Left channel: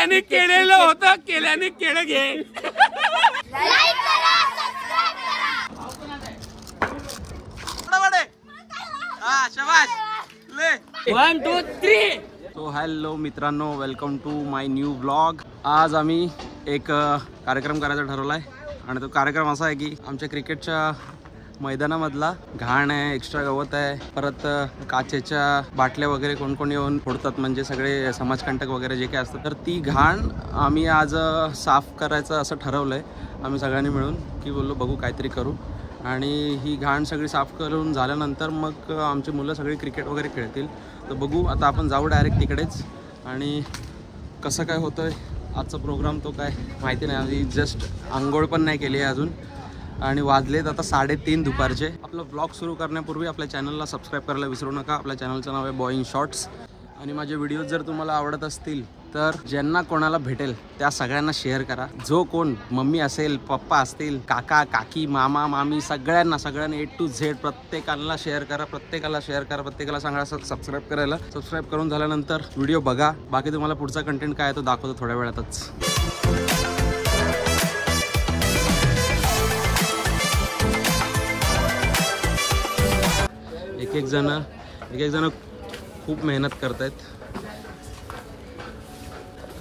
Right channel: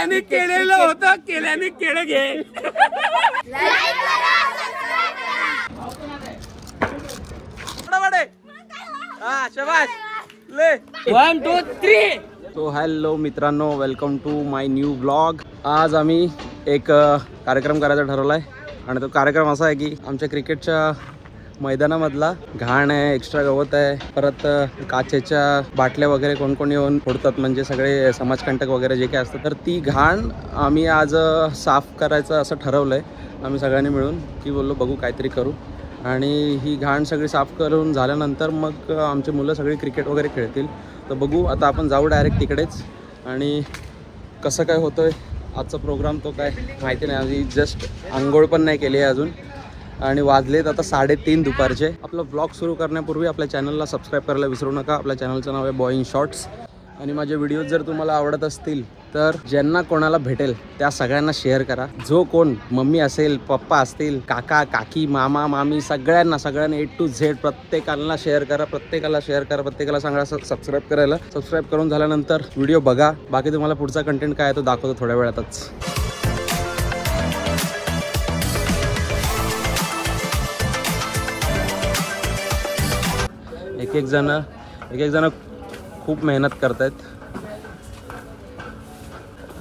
केल्याने केलेलं होतं, केल्याने केलं घे. हा शाबाश ले 1 2 3. तो हॅलो मित्रांनो, welcome to my new blog. आज आम्ही एक कार्यक्रम करायचा ठरवलाय आणि तो कार्यक्रम असा आहे की आमच्या क्रिकेटच्या मैदानामधला घाण आहे, एक्स्ट्रा गवत आहे, परत काचेच्या बाटल्या वगैरे कोण कोण येऊन फोडतात, म्हणजे सगळे समाजकंटक वगैरे जे काही असतं, तर ती घाण आम्ही आज साफ करायचं असं ठरवलंय आम्ही सगळ्यांनी मिळून, की बोललो बघू काहीतरी करू. आणि ही घाण सगळी साफ करून झाल्यानंतर मग आमची मुलं सगळी क्रिकेट वगैरे खेळतील. तर बघू आता आपण जाऊ डायरेक्ट तिकडेच. आणि कसं काय होतोय आजचा प्रोग्राम तो काय माहिती नाही, आम्ही जस्ट आंघोळ पण नाही केली आहे अजून आणि वाजलेत आता 3:30 दुपारचे. आपला ब्लॉग सुरू करण्यापूर्वी आपल्या चॅनलला सबस्क्राईब करायला विसरू नका. आपल्या चॅनलचं नाव आहे बॉईंग शॉर्ट्स. आणि माझे व्हिडिओज जर तुम्हाला आवडत असतील तर ज्यांना कोणाला भेटेल त्या सगळ्यांना शेअर करा. जो कोण मम्मी असेल, पप्पा असतील, काका काकी, मामा मामी, सगळ्यांना A to Z प्रत्येकाला शेअर करा, प्रत्येकाला सांगा सबस्क्राईब करायला. सबस्क्राईब करून झाल्यानंतर व्हिडिओ बघा. बाकी तुम्हाला पुढचा कंटेंट काय आहे तो दाखवतो थोड्या वेळातच. एक एक जण खूप मेहनत करतायत.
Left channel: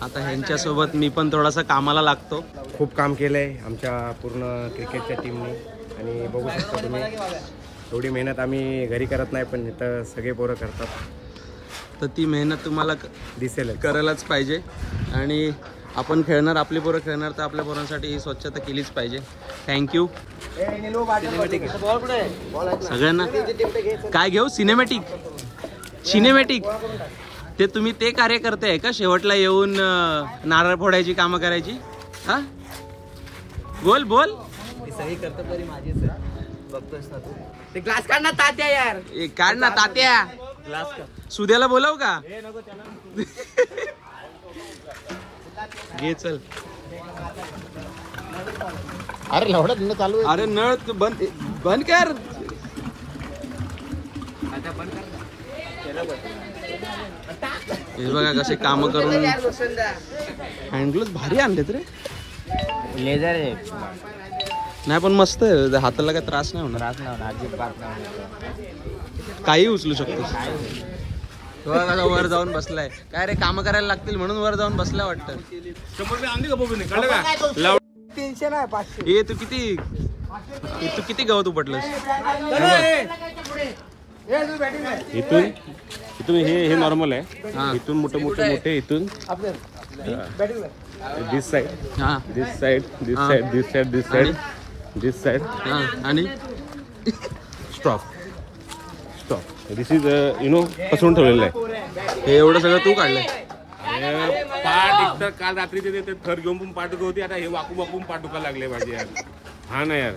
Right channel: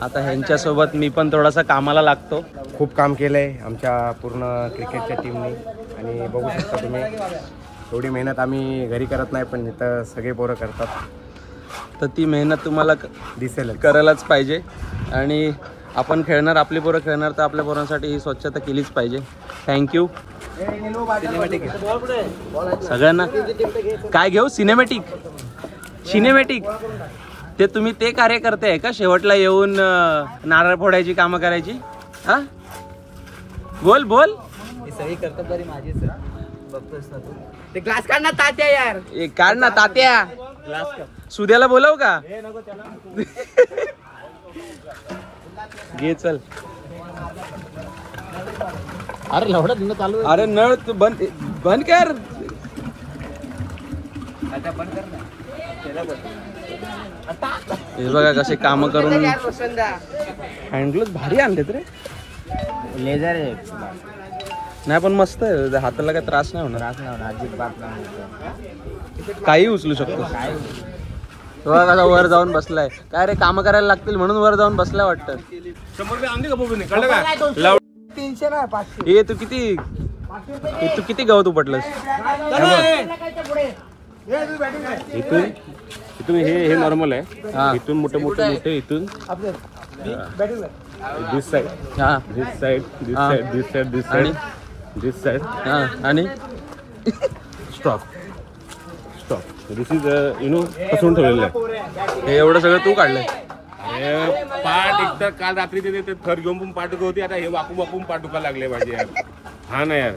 आता ह्यांच्यासोबत मी पण थोडासा कामाला लागतो. खूप काम केलंय आमच्या पूर्ण क्रिकेटच्या टीमने आणि बघू शकता तुम्ही एवढी मेहनत आम्ही घरी करत नाही, पण इथं सगळे पोरं करतात. तर ती मेहनत तुम्हाला दिसेल, करायलाच पाहिजे. आणि आपण खेळणार, आपली पोरं खेळणार, तर आपल्या पोरांसाठी ही स्वच्छता केलीच पाहिजे. थँक्यू. सगळ्यांना काय घेऊ? सिनेमॅटिक ते तुम्ही ते कार्य करताय का शेवटला येऊन नारळ फोडायची कामं करायची? हा बोल सगळी करतात बरी माझीच बघतोस ना तू. ते ग्लास काढ ना तात्या, यार काढ ना तात्या. ग्लास का सुद्याला बोलव का? घे चल. अरे लवडा चालू. अरे नळ बंद कर. हे बघा कसे काम करून हँडग्लोव्स भारी आणलेत रे. लेझर आहे नाही पण मस्त आहे, हाताला काय त्रास नाही होणार. अजिबात नाही, काही उचलू शकतो. तो कसा वर जाऊन बसलाय. काय रे काम करायला लागतील म्हणून वर जाऊन बसलाय वाटतं. 100 रुपये आणले का बोबीने? कळलं का? 300 नाही 500. हे तू किती गवत उपटलंस? इथून हे नॉर्मल आहे. हा. इथून मोठे इथून दिस साइड, हा दिस साइड, दिस हा. साइड, दिस साइड, दिस साइड, दिस साइड, हा आणि स्टॉप. दिस इज पसरून ठेवलेलं आहे. हे एवढं सगळं तू काढलंय? अरे पाठ एक तर काल रात्री ते थर घेऊन पण पाठ होती, आता हे वाकून पाठ दुखा लागले माझे यार. हा ना यार,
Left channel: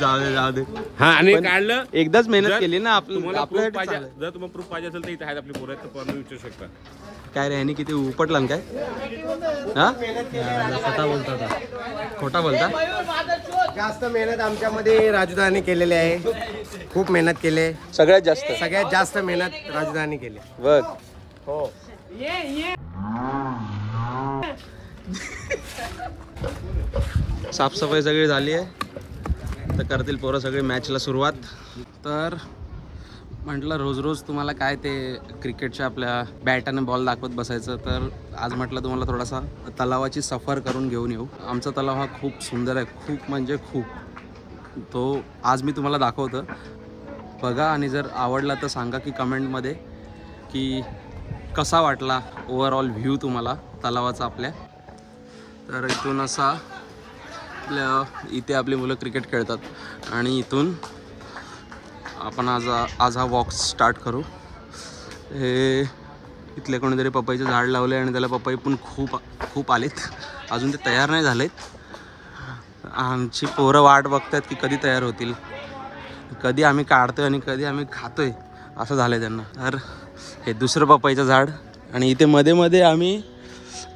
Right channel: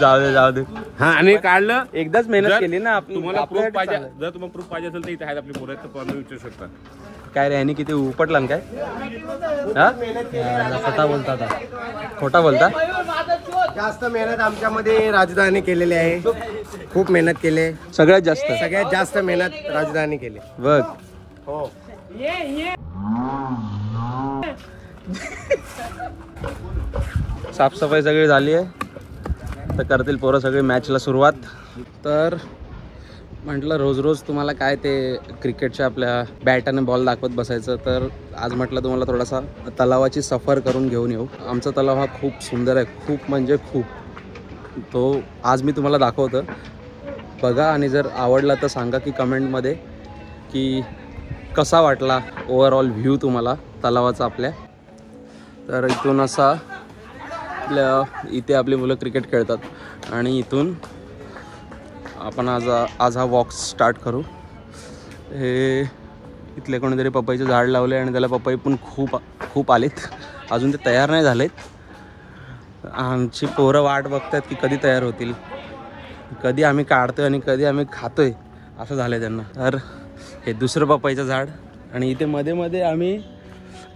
जाऊ दे. हा. आणि काढलं एकदाच मेहनत केली ना तुम्हाला प्रूफ पाहिजे. जर तुम्हाला प्रूफ पाहिजे असेल तर इथे आहेत आपली पोरं, तर पण विचारू शकता. काय रे ह्यानी किती उपटला काय? हा खोटा बोलता. जास्त मेहनत आमच्यामध्ये राजधानी केलेली आहे. खूप मेहनत केली, सगळ्यात जास्त मेहनत राजधानी केली. बघ हो. साफसफाई सगळी झाली आहे, तर करतील पोरं सगळी मॅचला सुरुवात. तर म्हटलं रोज तुम्हाला काय ते क्रिकेटच्या आपल्या बॅट आणि बॉल दाखवत बसायचं, तर आज म्हटलं तुम्हाला थोडासा तलावाची सफर करून घेऊन येऊ. आमचा तलाव हा खूप सुंदर आहे, खूप म्हणजे खूप. तो आज मी तुम्हाला दाखवतो, बघा. आणि जर आवडला तर सांगा की कमेंटमध्ये की कसा वाटला ओव्हरऑल व्ह्यू तुम्हाला तलावाचा आपल्या. तर इथून असा इथे आपली मुलं क्रिकेट खेळतात आणि इथून आपण आज हा वॉक स्टार्ट करू. हे इथले कोणीतरी पपईचं झाड लावले आणि त्याला पपई पण खूप आलेत. अजून ते तयार नाही झालेत. आमची पोरं वाट बघतात की कधी तयार होतील, कधी आम्ही काढतोय आणि कधी आम्ही खातोय, असं झालं आहे त्यांना. तर हे दुसरं पपईचं झाड आणि इथे मध्ये आम्ही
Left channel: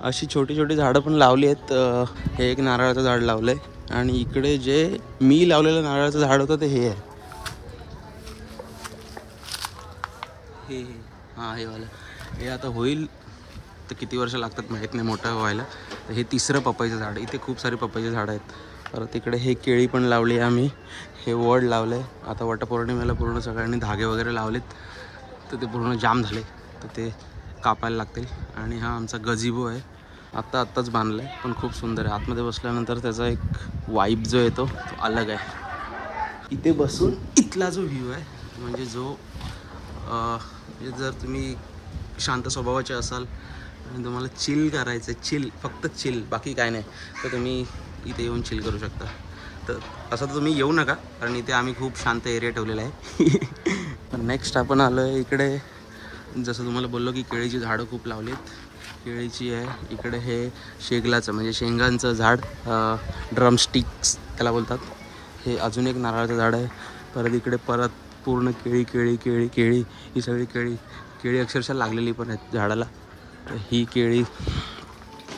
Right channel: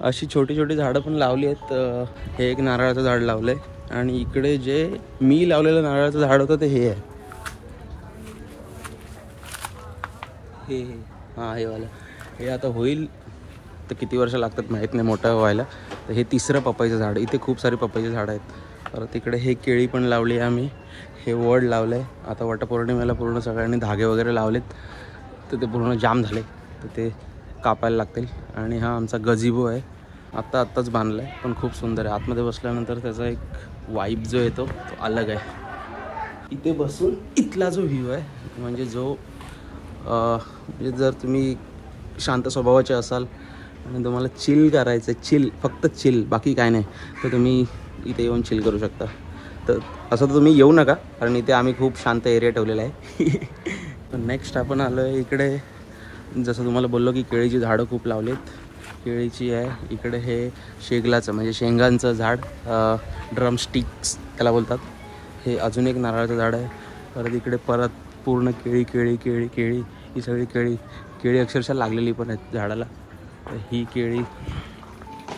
अशी छोटी झाडं पण लावली आहेत. हे एक नारळाचं झाड लावलं आहे आणि इकडे जे मी लावलेलं नारळाचं झाड होतं ते हे आहे. हे हां हे वाला. हे आता होईल तर किती वर्ष लागतात माहीत नाही मोठं व्हायला. तर हे तिसरं पपईचं झाड. इथे खूप सारी पपईची झाडं आहेत. परत इकडे हे केळी पण लावली आहे आम्ही. हे वड लावलं आहे. आता वटपौर्णिमेला पूर्ण सगळ्यांनी धागे वगैरे लावलेत तर ते पूर्ण जाम झाले तर ते कापायला लागतील. आणि हा आमचा गझिबो आहे. आत्ताच बांधला आहे पण खूप सुंदर आहे. आतमध्ये बसल्यानंतर त्याचा एक वाईब जो येतो तो अलग आहे. इथे बसून इथला जो व्ह्यू आहे म्हणजे जो म्हणजे जर तुम्ही शांत स्वभावाचे असाल आणि तुम्हाला चिल करायचं आहे, चिल फक्त चिल बाकी काय नाही, तर तुम्ही इथे येऊन चिल करू शकता. तर असं तर तुम्ही येऊ नका कारण इथे आम्ही खूप शांत एरिया ठेवलेला आहे. तर नेक्स्ट आपण आलो आहे इकडे. जसं तुम्हाला बोललो की केळीची झाडं खूप लावलीत. केळीची आहे इकडे. हे शेगलाचं म्हणजे शेंगांचं झाड, ड्रमस्टिक्स त्याला बोलतात. हे अजून एक नारळाचं झाड आहे. परत इकडे परत पूर्ण केळी ही सगळी केळी अक्षरशः लागलेली पण आहेत झाडाला. तर ही केळी.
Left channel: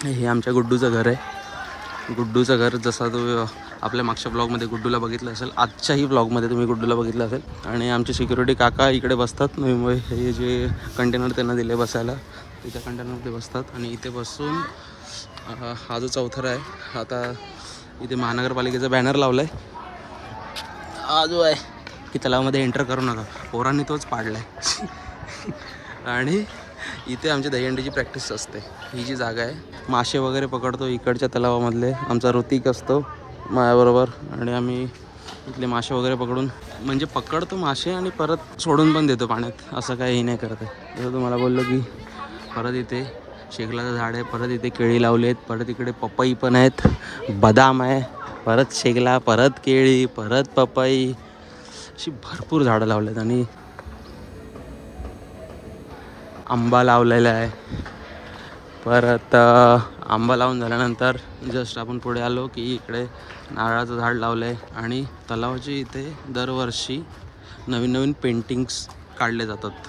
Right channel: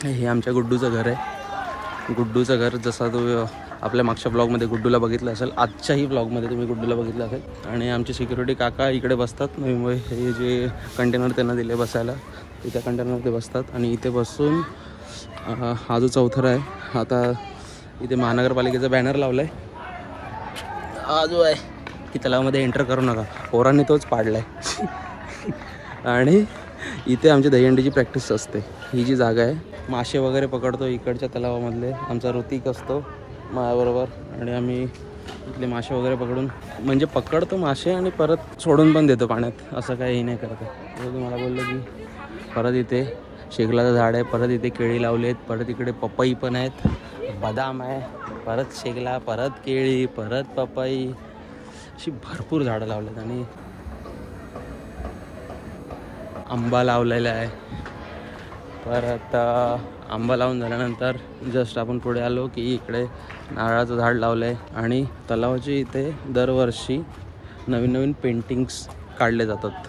हे आमच्या गुड्डूचं घर आहे. गुड्डूचं घर जसा तो आपल्या मागच्या ब्लॉगमध्ये गुड्डूला बघितलं असेल, आजच्याही ब्लॉगमध्ये तुम्ही गुड्डूला बघितलं असेल. आणि आमचे सिक्युरिटी काका इकडे बसतात. नवीमुळे हे जे कंटेनर त्यांना दिले बसायला ते त्या कंटेनरमध्ये बसतात. आणि इथे बसून हा जो चौथरा आहे, आता इथे महानगरपालिकेचा बॅनर लावला आहे हा जो आहे की तलावामध्ये एंटर करू नका. पोरांनी तोच पाडला आहे. आणि इथे आमची दहीहंडीची प्रॅक्टिस असते. ही जी जागा आहे, मासे वगैरे पकडतो इकडच्या तलावामधले. आमचा ऋतिक असतो माझ्याबरोबर आणि आम्ही इथले मासे वगैरे पकडून म्हणजे पकडतो मासे आणि परत सोडून पण देतो पाण्यात. असं काही नाही करत आहे. जसं तुम्हाला बोललो की परत इथे शेगलाचं झाड आहे. परत इथे केळी लावली आहेत. परत इकडे पपई पण आहेत, बदाम आहे, परत शेगला, परत केळी, परत पपई, अशी भरपूर झाडं लावलेत. आणि आंबा लावलेला आहे. परत आंबा लावून झाल्यानंतर जस्ट आपण पुढे आलो की इकडे नारळाचं झाड लावलं आहे. आणि तलावाची इथे दरवर्षी नवीन पेंटिंग्स काढले जातात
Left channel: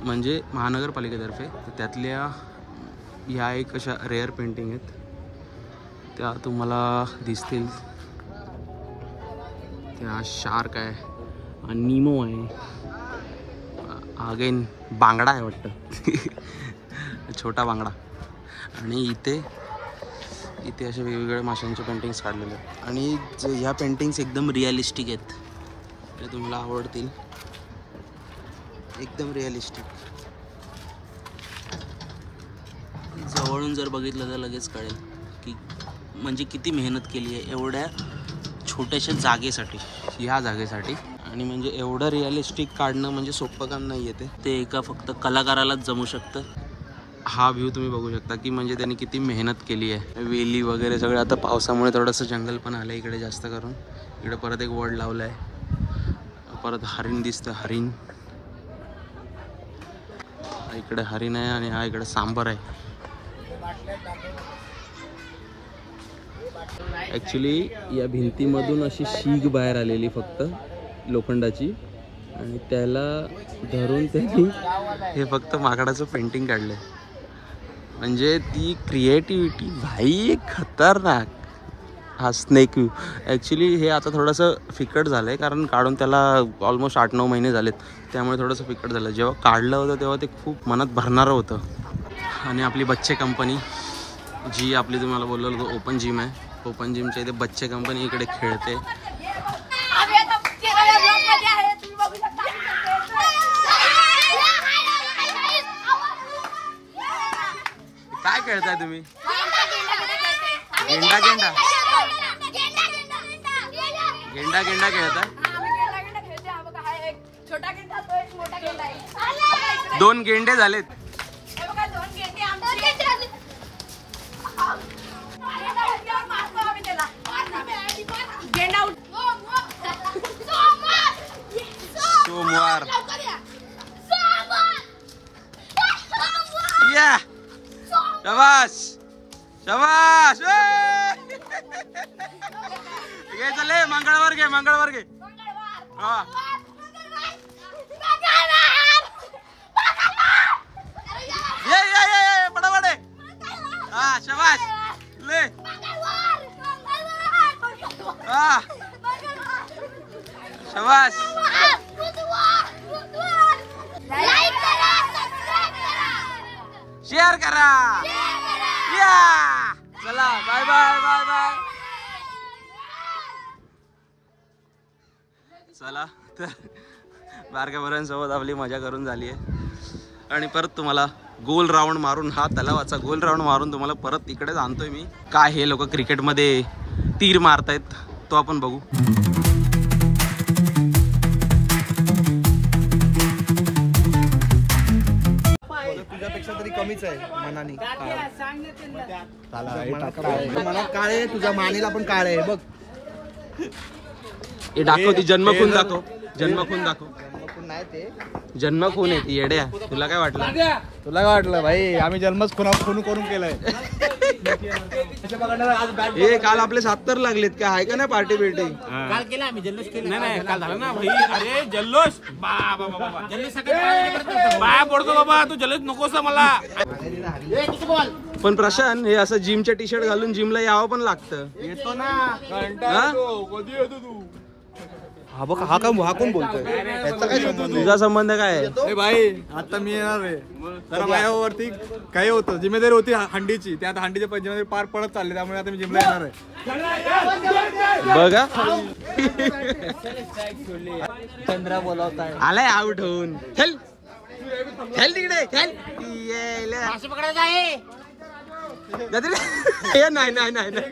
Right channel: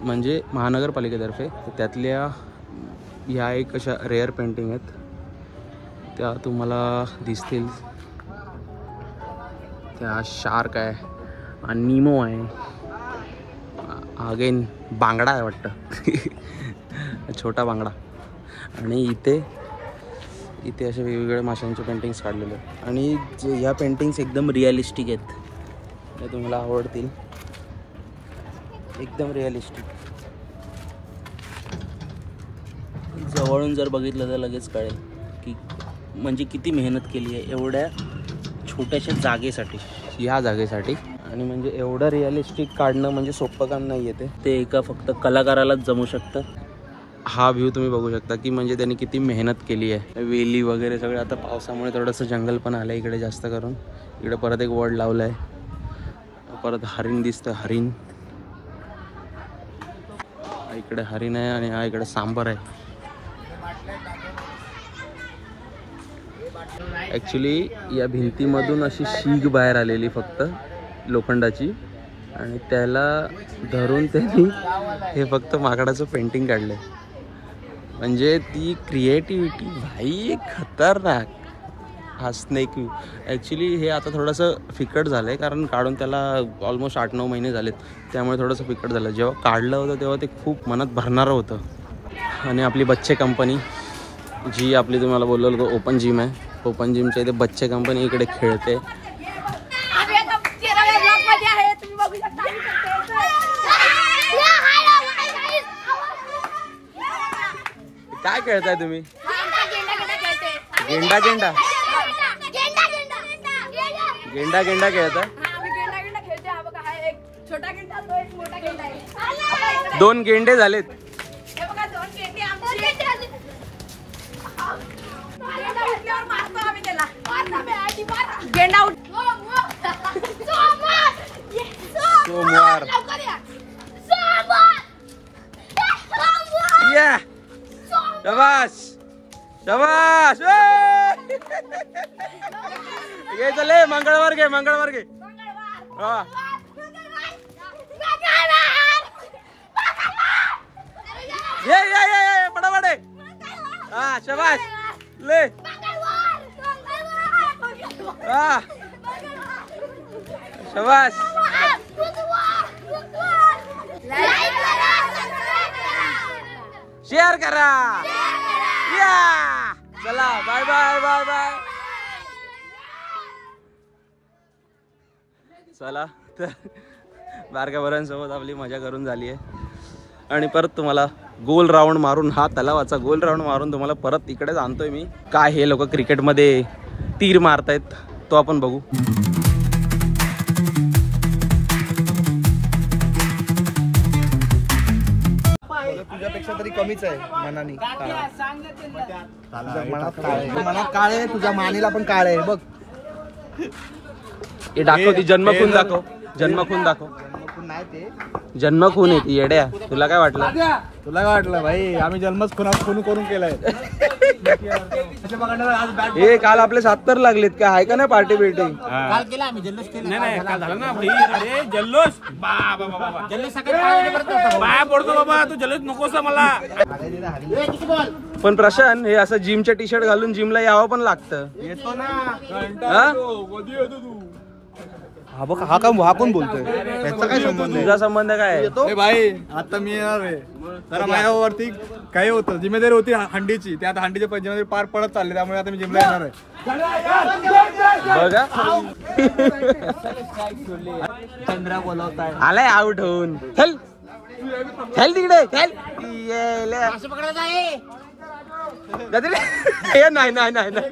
म्हणजे महानगरपालिकेतर्फे. तर त्यातल्या ह्या एक अशा रेअर पेंटिंग आहेत त्या तुम्हाला दिसतील. त्या शार्क आहे, निमो आहे, अगेन बांगडा आहे वाटतं. छोटा बांगडा. आणि इथे असे वेगवेगळ्या माशांचे पेंटिंग्स काढलेले आहेत. आणि ह्या पेंटिंग्स एकदम रिअलिस्टिक आहेत. हे तुम्हाला आवडतील. एकदम रिअलिस्टिक. जवळून जर बघितलं तर लगेच कळेल की म्हणजे किती मेहनत केली आहे एवढ्या छोट्याशा जागेसाठी, ह्या जागेसाठी. आणि म्हणजे एवढं रिअलिस्टिक काढणं म्हणजे सोपं काम नाही आहे. ते एका फक्त कलाकारालाच जमू शकतं. हा व्ह्यू तुम्ही बघू शकता की म्हणजे त्यांनी किती मेहनत केली आहे. वेली वगैरे सगळं. आता पावसामुळे थोडंसं जंगल पण आलं आहे इकडे जास्त करून. इकडे परत एक वड लावलं आहे. परत हरिण दिसतं, हरिण. इकडे हरिण आहे आणि हा इकडे सांबर आहे. ॲक्च्युली या भिंतीमधून अशी शीग बाहेर आलेली फक्त लोखंडाची आणि त्याला धरून त्यांनी हे फक्त माकडाचं पेंटिंग काढलं आहे. म्हणजे ती क्रिएटिव्हिटी भाई खतरनाक. हा स्नेक व्ह्यू ॲक्च्युली हे आता थोडंसं फिकट झालं आहे कारण काढून त्याला ऑलमोस्ट 8-9 महिने झालेत. त्यामुळे थोडंसं फिकट झालं. जेव्हा काढलं होतं तेव्हा ते खूप मनात भरणारं होतं. आणि आपली बच्चे कंपनी जी आपली तुम्हाला बोललेलं होतं ओपन जिम आहे. ओपन जिमच्या इथे बच्चे कंपनी इकडे खेळते. काय खेळताय तुम्ही? गेंडा गेंडा गेंडा गेंडा खेळताय? दोन गेंडे झालेत. सोमवार या शाबाश शाबाश. घे चले मंगळवार घे मंगळवार घे. हा ये ये ये पटापट. हा शाबाश ले. हा शाबाश. शेअर करा. या चला बाय बाय बाय बाय. चला तर बारक्या बऱ्यांसोबत आपली मजा करून झाली आहे आणि परत तुम्हाला गोल राऊंड मारून, हा तलावाचा गोल राऊंड मारून तुम्हाला परत इकडेच आणतोय मी. काय हे लोक क्रिकेटमध्ये तीर मारतायत तो आपण बघू. तुझ्यापेक्षा तरी कमीच आहे मनाने. मनात काळ आहे, तुझ्या मानेला पण काळ आहे बघ. हे दाखव, ती जन्मखून दाखव, जन्मखून दाखव. जन्मखून आहे ती येड्या. तुला काय वाटलं? तुला काय वाटलं भाई? आम्ही जन्मच खून करून केलाय. हे काल आपले 70 लागलेत का? आहे का नाही पार्टी बिर्टी? नाही काल झालं ना भाई. अरे जल्लोष जल्लोष सकाळी पाया पडतो बाबा. तू जल्लोष नकोस मला. पण प्रशांत, हे असं जिमच्या टी शर्ट घालून जिमला यावं पण लागतं. येतो ना. हा? हा बघ, हा कोण बोलतोय? तुझा संबंध काय आहे? भाई आता मी येणार आहे. जरा माझ्यावरती काही होतं, जिम्मेदारी होती हंडीची. त्या आता हंडीच्या जिम्मेदारी पार पडत चालली, त्यामुळे आता मी जिमला येणार आहे. बघ आलाय आउट होऊन. चल खेळ तिकडे, खेळ. नाही नाही नाही नाही.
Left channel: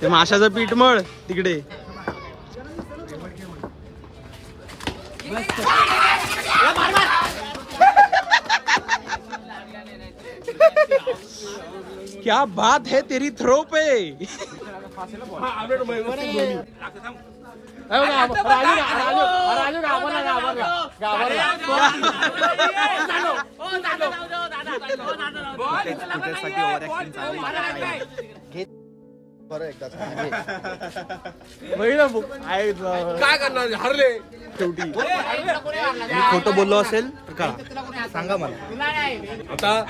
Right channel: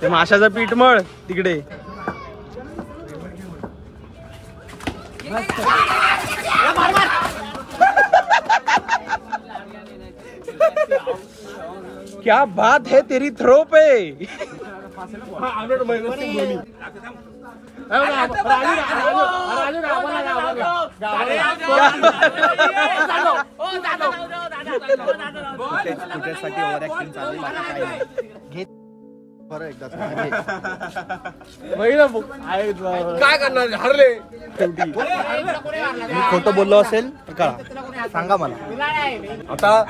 ते माशाचं पीठ मळ तिकडे. क्या बात है तेरी थ्रो पे. फुटेजसाठी ओव्हर ऍक्टिंग चालली, बाकी काही नाही. काय करणार? हरले शेवटी. मी खोटं बोललो असेल तर कळा, सांगा मला. आता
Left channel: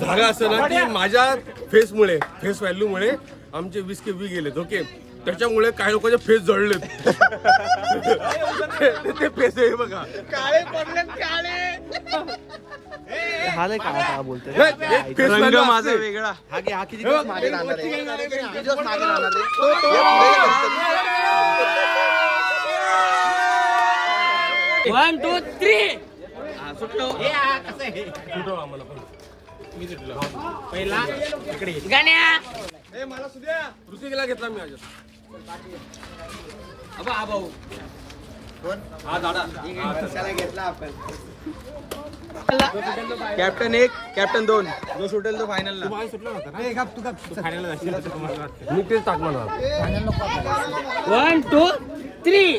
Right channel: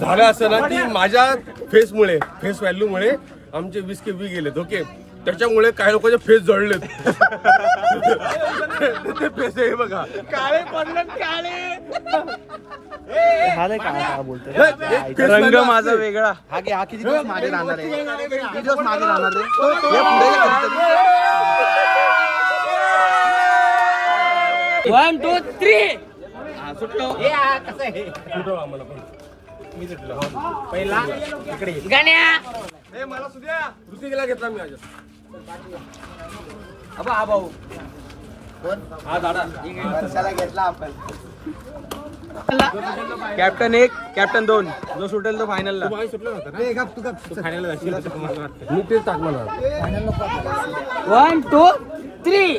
झालं असं ना की माझ्या फेस व्हॅल्यू मुळे आमचे 20 KB गेलेत. ओके, त्याच्यामुळे काही लोकांचे फेस जळलेत. ते फेस आहे बघा. हा नाही काय बोलतोय. रंग माझा वेगळा. हा घे, हा किती 1 2 3 सुटलो. सुटव आम्हाला पण. मी सुटलो पहिला इकडे गाण्या. मला सुद्या ऋतिकला घेतला मी आज. हा भाऊ हा दादा घेतला आपण. कॅप्टन 1 कॅप्टन 2 जो सुटेल तो फायनलला. मी तेच टाक मला. 1 2 3.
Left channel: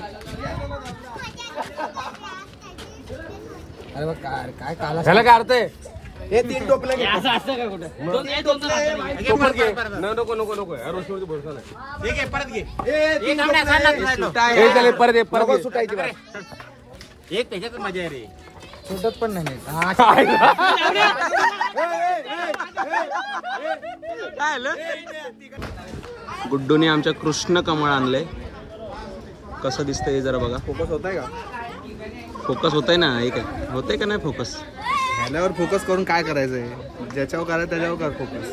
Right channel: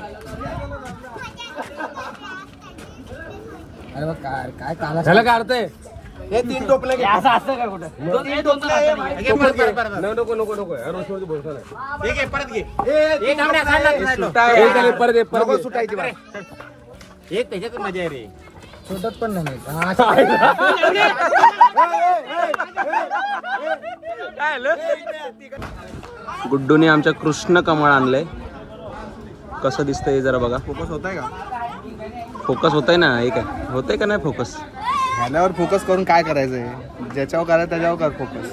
अरे काय काला त्याला काय अर्थ आहे? हे 3 टोपले असं असतं का कुठं? नको नको नको यार, रोशनीवरती भरोसा नाही. हे घे, परत घे. परत ये, परत हे त्याच्यात मजा आहे रे. छोटत पण नाही. गुड्डूने आमच्या कृष्ण कमळ आणलंय. कसं दिसतंय जरा बघा. फोकस होतोय का? फोकस होतंय ना. हे काय होतंय का नाही फोकस? ह्याल्यावर फोकस करून काय करायचंय? ज्याच्यावर करायचं त्याच्यावर कर फोकस.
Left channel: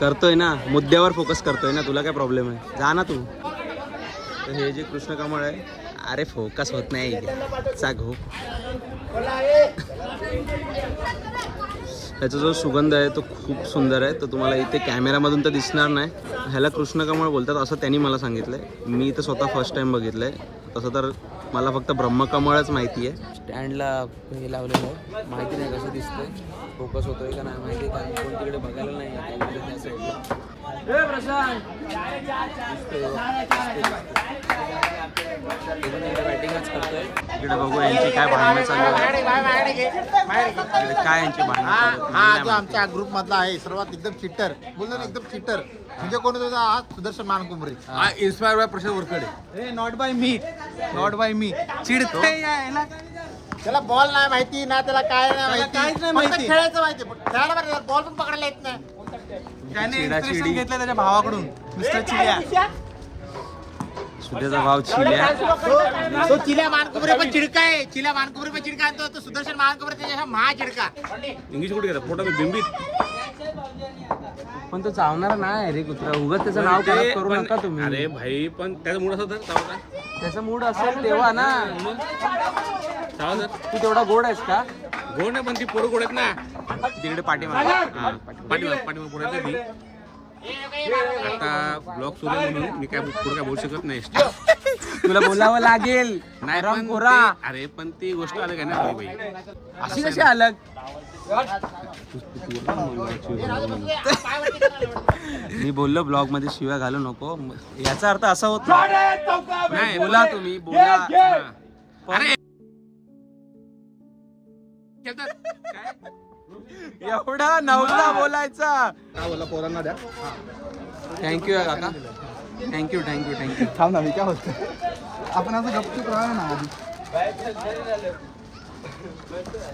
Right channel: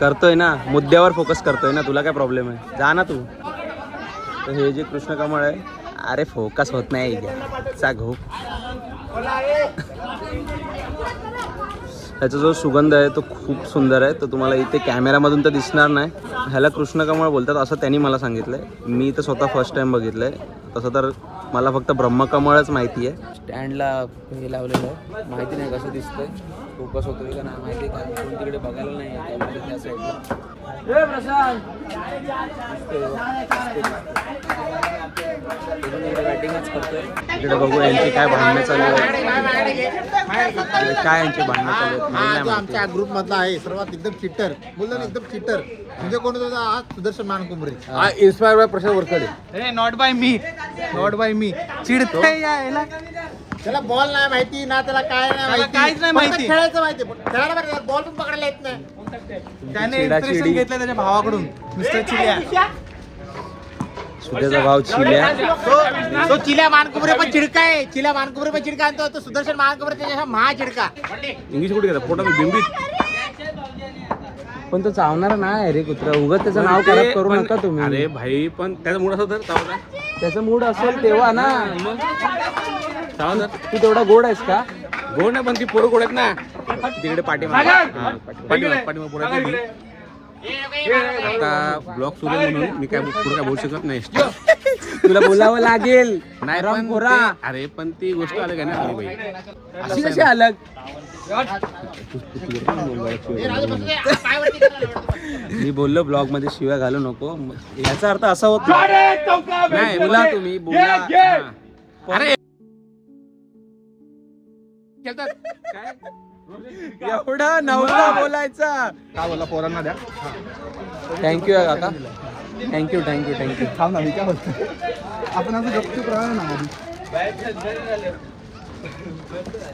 करतोय ना, मुद्द्यावर फोकस करतोय ना. तुला काय प्रॉब्लेम आहे? जा ना तू. तर हे जे कृष्ण कमळ आहे, अरे फोकस होत नाही. चा घो. ह्याचा जो सुगंध आहे तो खूप सुंदर आहे. तर तुम्हाला इथे कॅमेरामधून तर दिसणार नाही. ह्याला कृष्ण कमळ बोलतात असं त्यांनी मला सांगितलंय. मी तर स्वतः फर्स्ट टाइम बघितलंय. तसं तर मला फक्त ब्रह्मकमळच माहिती आहे. स्टँडला हे लावलेलं आहे, माहिती नाही कसं दिसतंय. फोकस होतोय का नाही माहिती, कारण कोण तिकडे बघायला नाही आहे त्या साईडला. इकडे बघू यांची काय भांडणं चालू आहे. इकडे काय यांची भांडणं चालू आहेत मला नाही माहिती. आमच्या ग्रुप मधला आहे सर्वात एकदम चिट्टर बोलतो ना, एकदम चिट्टर. म्हणजे कोण होता? Sudarshan Mankumbare. Inspire by Prashant Warkade. Not by मी चिडतोय यायला. त्याला बॉल नाही माहिती ना, त्याला काय नाही माहिती. खेळायचं माहिती, खेळायला बरं बॉल पण पकडायला येत नाही. त्याने इंस्पिरेशन घेतलं त्याच्या भावाकडून, मिस्टर चिलिया. सुद्याचा भाव चिल्या. तो चिल्या मानकुबरे पण चिडका आहे. चिल्या मानकुबरे पण चिडका आणतो. तो सुदर्शन मानकुबरे त्याच्या महा चिडका. इंग्लिश कुठे घेतात पोटात बिंबीत. पण तो चावणारा नाही रे कुत्रा. उगाच त्याचं नाव खराब करू नका तुम्ही. अरे भाई पण त्याचा मूड असं तर चावता. त्याचं मूड असेल तेव्हा ना. तू तेवढा गोड आहेस का? गोड नाही पण ती पोरं गोड आहेत ना. तिकडे पाठीमागे. पाठीमाग पोरं आहेत ती. आता ब्लॉग सुरू आहे म्हणून मी काय पुढे काय बोलू शकत नाही. तुला बोलावं लागेल. नाही पण पोरा. अरे पण ती गोष्ट अलग आहे ना आपली बाई. अशी कशी अलग? मी बोललो ब्लॉग मध्ये शिव्या घालू नको. याचा अर्थ असा होत नाही. बोला तुम्ही बोला. अरे एवढा नव्हता बोलायचा. काय बोलला पोरांना द्या. थँक्यू काका. Thank you thank you thank you. थांब ना मी काय बोलतो. आपण असं गपचूप राहा ना आधी.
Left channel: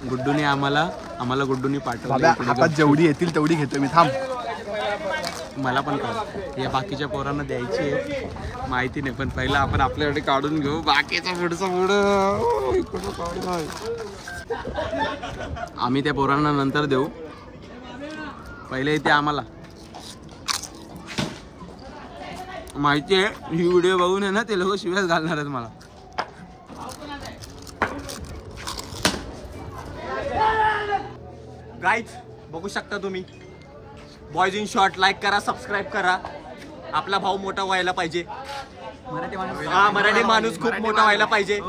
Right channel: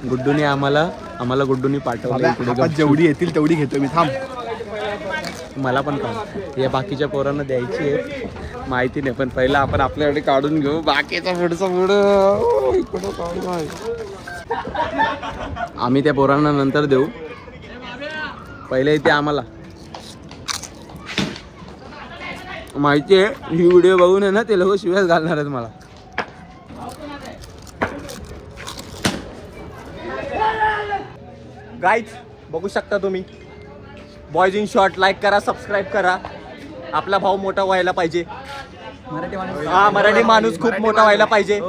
गुड्डूने आम्हाला गुड्डूनी पाठवलं इकडे. जेवढी येतील तेवढी घेतो मी. थांब. मला पण काढ. या बाकीच्या पोरांना द्यायची आहे माहिती नाही पण पहिला आपण आपल्याकडे काढून घेऊ. बाकीचा पुढं इकडं काढून आम्ही त्या पोरांना नंतर देऊ. पहिले इथे आम्हाला माहिती आहे. ही व्हिडिओ बघून आहे ना ते लोक शिव्याच घालणार आहेत मला. गाईज बघू शकता तुम्ही. बॉयज इन शॉर्ट लाईक करा, सबस्क्राईब करा. आपला भाऊ मोठा व्हायला पाहिजे. मराठी माणूस खूप मोठा व्हायला पाहिजे.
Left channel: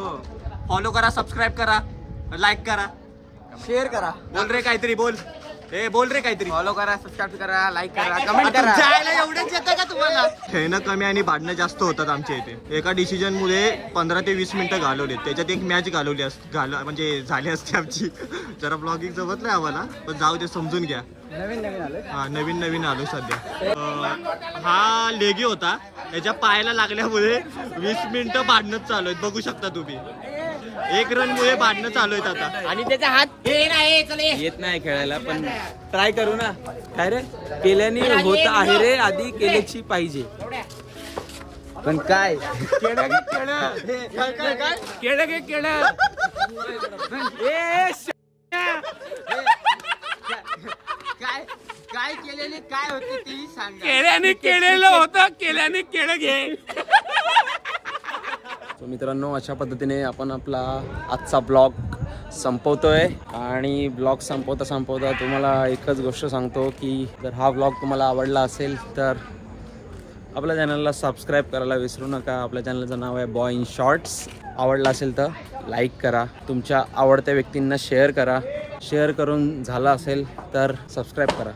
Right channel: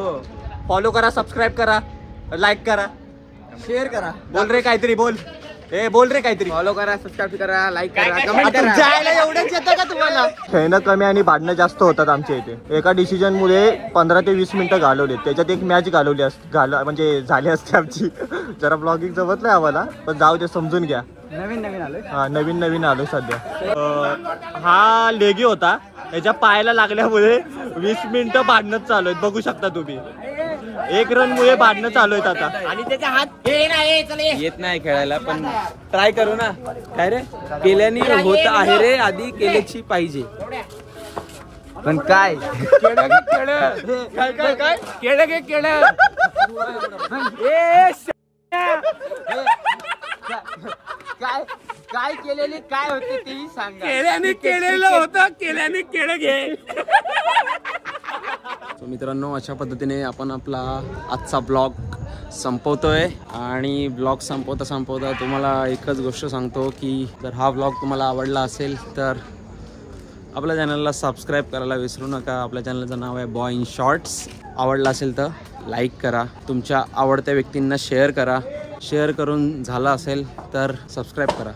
फॉलो करा, सबस्क्राईब करा, लाईक करा, शेअर करा. बोल रे काहीतरी. बोल रे काहीतरी. फॉलो करा, सबस्क्राईब करा, लाईक करा, तुमच्या आईला एवढंच येतं का तुम्हाला? खेळणं कमी आणि भांडणं जास्त होतात आमच्या इथे. एका डिसिजन मुळे 15 ते 20 मिनिटं घालवले. त्याच्यात एक मॅच घालवली म्हणजे झाली असते आमची. जरा ब्लॉगिंग जमत नाही आम्हाला पण जाऊ दे, समजून घ्या. हा नवीन आलो सध्या. हा लेगी होता. याच्या पायाला लागल्यामुळे 20 मिनिटं भांडणच चालू आहेत. बघू शकता तुम्ही. 1 रन मुळे भांडणं चालू आहेत आता. आणि त्याचा हात येत नाही खेळायला पण ट्राय करू ना. काय रे केल्याने होत आहे रे. आधी केल्याची पाहिजे. पण काय केलं काय केलेली काय होते तेही सांगा. केलेलं होतं. केल्याने केलं घे. मित्रांनो अशा पद्धतीने आपण आपला आजचा ब्लॉग संपवतोय. आणि ब्लॉग संपवता तुम्हाला एकच गोष्ट सांगतो की जर हा ब्लॉग तुम्हाला आवडला असेल तर आपल्या चॅनलला सबस्क्राईब करायला विसरू नका. आपल्या चॅनलचं नाव आहे बॉय इन शॉर्ट्स. आवडला असेल तर लाईक करा. तुमच्या आवडत्या व्यक्तींना शेअर करा. शेअर करून झालं असेल तर सबस्क्राईब करा.